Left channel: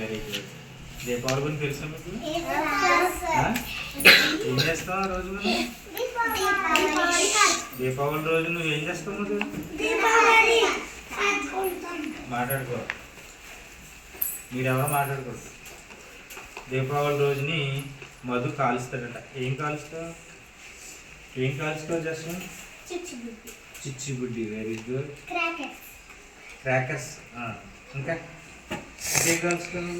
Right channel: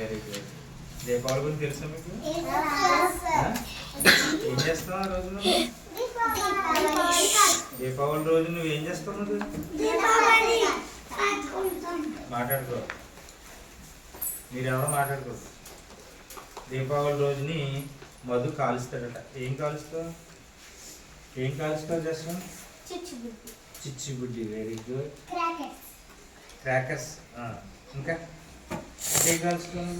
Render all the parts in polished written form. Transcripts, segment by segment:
Very good. Deepavali గురించి తెలుసా మీకు? ఏం చేస్తావు ఆ రోజు? దీపావళి రోజు నువ్వు ఏం చేస్తావు? మాట్లాడుకో, మీరెవరో మాట్లాడుకోరు. దీపావళి రోజుని మధు కాలుస్తాడట. ఏం కాలుస్తావు? చేస్తావు? చిచ్చుబుడ్డి. Very good. క్రాకర్స్. ఇంకా ఏం కాలుస్తావు?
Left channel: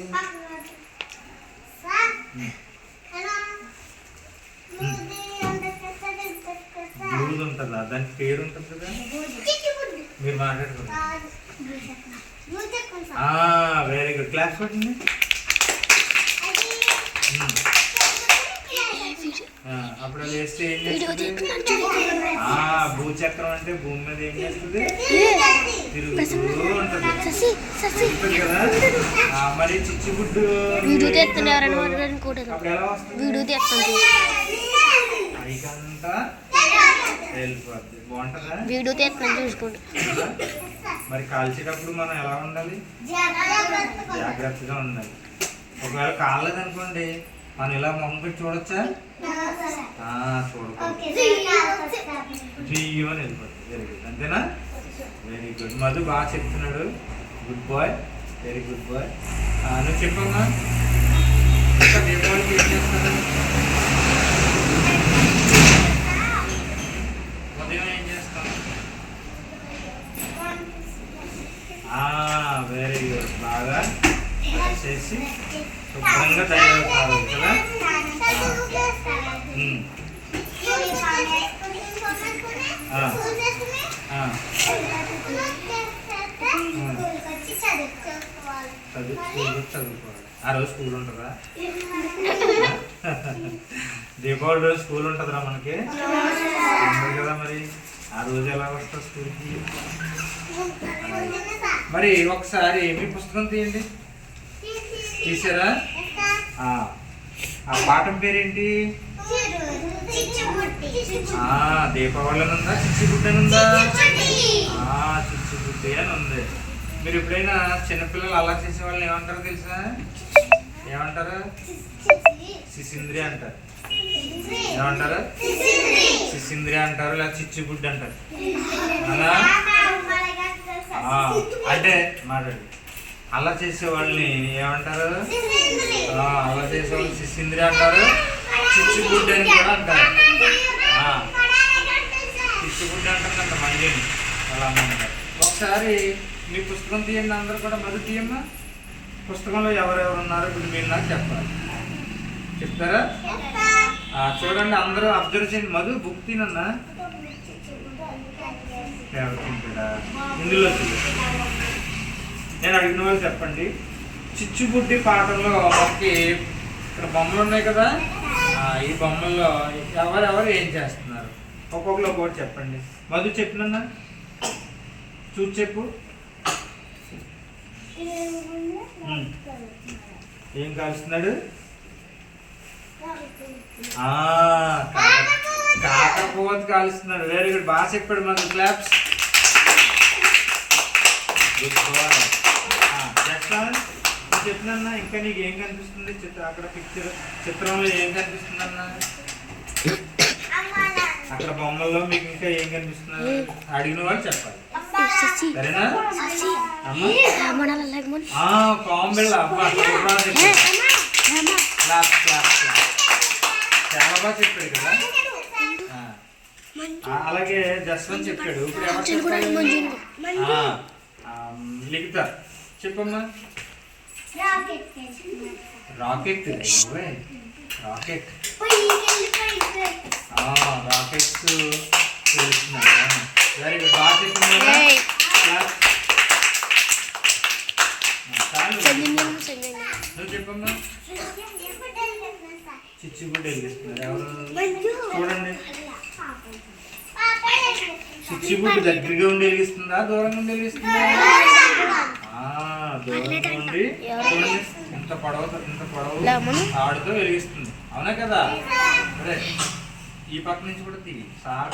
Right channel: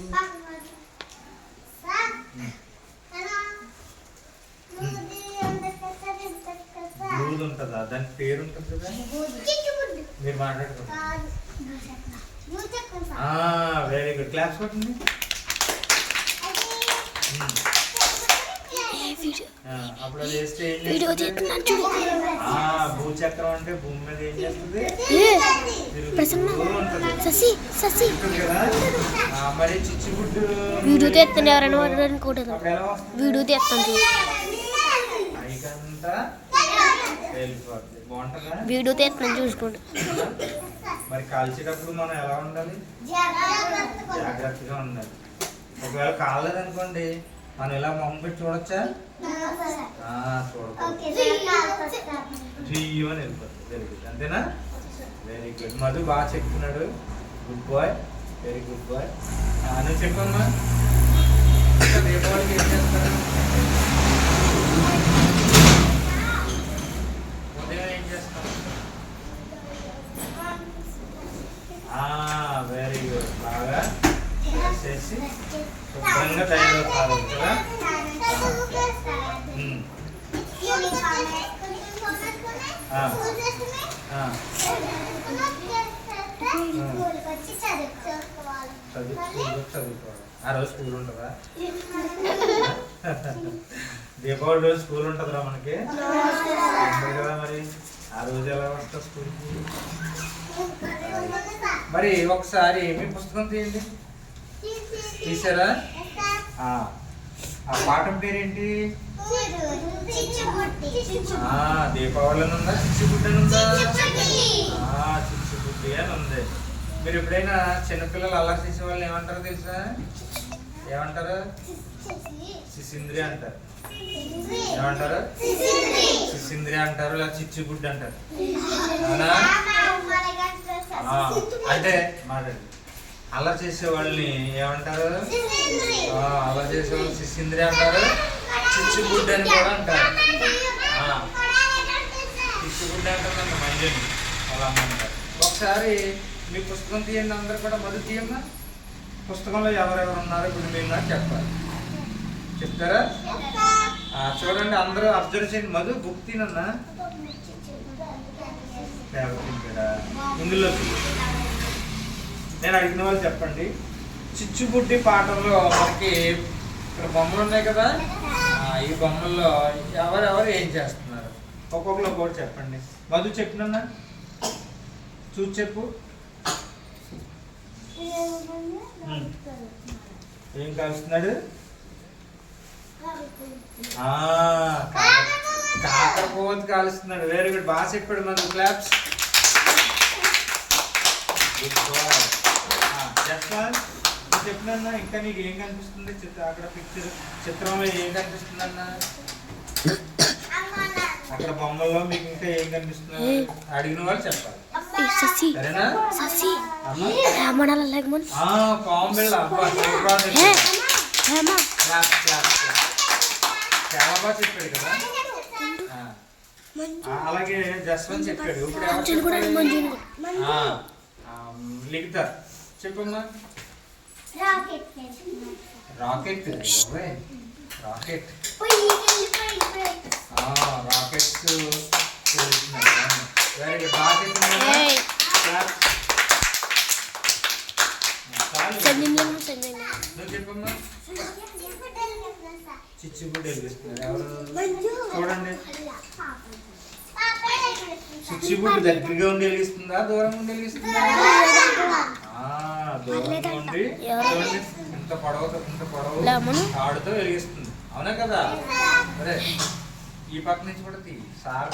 బూది ఉంటుందా? దానికి పేరు ఉంటుంది కదా, మీరు మాట్లాడుకోండి. Very good. క్లాస్ కొట్టండి. అప్పుడు అది వేస్తే ఏం చేస్తుంది? భూచక్రం అంటే భూమి మీద ఏం చేస్తుంది? తిరుగుతూ ఉంటుంది కదా. మరి చిచ్చుబుడ్డు అప్పుడు ఎలా వస్తుంది? పైకంతా వెళ్ళిపోద్ది. బాగుంటుందా? మరి కాల్చేటప్పుడు మనం ఎలా ఉండాలి? జాగ్రత్తగా ఉండాలి. ఒకవేళ కాలేదనుకోండి, మనం ఇలా మొహం పెట్టి చూడొచ్చా? చూడకూడదు. జీవని వెళ్ళిపోతుంది. Very good. అంతేనా? Very good. మధు బాగా చెప్తున్నాడు. Good boy. Very good boy. నువ్వు చెప్పమ్మా, ఇంకా దీపావళికి ఏం చేస్తారు? ఉదయం ఏం చేస్తాం? Very good. బాగా చేసి శుభ్రంగా తయారవుతారు కదా. చదువుకోవాలి. ఆ రోజు స్కూల్ ఉంటుందా? దీపావళి రోజు స్కూల్ ఉంటుందిరా మనకి కదా. మరి ఆ రోజు ఎలా వస్తా స్కూల్కి? మరి ఒకసారి మీ పుస్తకం తీయండి. తీసారా? ఆ పాఠం పేరేంటి? దీపావళి అని ఉందా? చిచ్చుబుడ్డి అని ఉందా? చిచ్చుబుడ్డి అని ఉంది. మీరు ఎప్పుడైనా చిన్నపిల్లలు అలా చేసే వాళ్ళని ఏమంటారో తెలుసా? ఏమంటారు? సిసింద్రి అంటారు. ఏమంటారు? సిసింద్రి అంటారు, లేదా చిచ్చుబుడ్డి అంటారు. అవునా? అంటే మాట్లాడు. అలా చేసే వాళ్ళని ఏమంటారు? అలా చేసే వాళ్ళు సిసింద్రి అంటారు, చిచ్చుబుడ్డి అని కూడా అంటారు. చిచ్చుబుడ్డి అంటారంట మంజుని వాళ్ళ అమ్మ అంటారు. ఒకసారి మీ పుస్తకం తీయండి. అందరూ కూడా మధు తీయమ్మా. పుస్తకంలో ఎవరెవరు ఉన్నారు ఇప్పుడు మీరు నాకు చెప్పాలి. చెప్తారా? చూడండి, అందరూ అబ్జర్వ్ చేయండి. మధు బుక్ తినన్నా ఇందులో నేను అడిగిన వాళ్ళు చెప్పండి. చిచ్చుబుడ్డి పాటల్లో మనకి ఇక్కడ బొమ్మలు ఉన్నాయి కదా, ఈ బొమ్మల్లో ఎవరెవరు ఏం చేస్తున్నారు? ఒక్కొక్కరు కూడా చెప్పండి. మధు చెప్పినన్నా చూసి చెప్పు. ఏం కాలుస్తున్నాడు? కాకరపోవతి కాలుస్తున్నాడు. Very good. బాగా చెప్పాడు మధు. క్లాప్స్. Good boy. చెప్పినన్నా ఇంకా నీకు ఏం కనిపిస్తుంది? అక్కడ చిత్రంలో ఏం కనిపిస్తుంది అన్నా? అక్కడ బొమ్మల్లో మీకు ఇంకా ఏం కనిపిస్తున్నారు? అడిగిన వాళ్ళు చెప్పాలి. సరేనా? కాంబిల్ అబ్బా చాలా బాగా చెప్పాడు కదా. అలాగే జస్వంత్ చెప్పాడు. ఇప్పుడు ఎవరు చెప్పాలి? లిఖిత చెప్పమ్మా. రాకెట్. రాకెట్ రాకెట్స్ తెలుస్తున్నాడు. Very good. బాగా చెప్తున్నా. నువ్వు చెప్పమ్మా. చిచ్చుబుడ్డి వెలిగిస్తున్నారు. ఎవరు? చూడండి. చిచ్చుబుడ్డి దగ్గరగా ఉండి వెలిగిస్తుందా, దూరంగా ఉండి వెలిగిస్తుందా? దూరంగా ఉండి ఇంత పొడవు ఆడుతూ వెలిగిస్తుంది. అవునా కదా? అరే ఈ పక్క నుంచి కూడా తీ సార్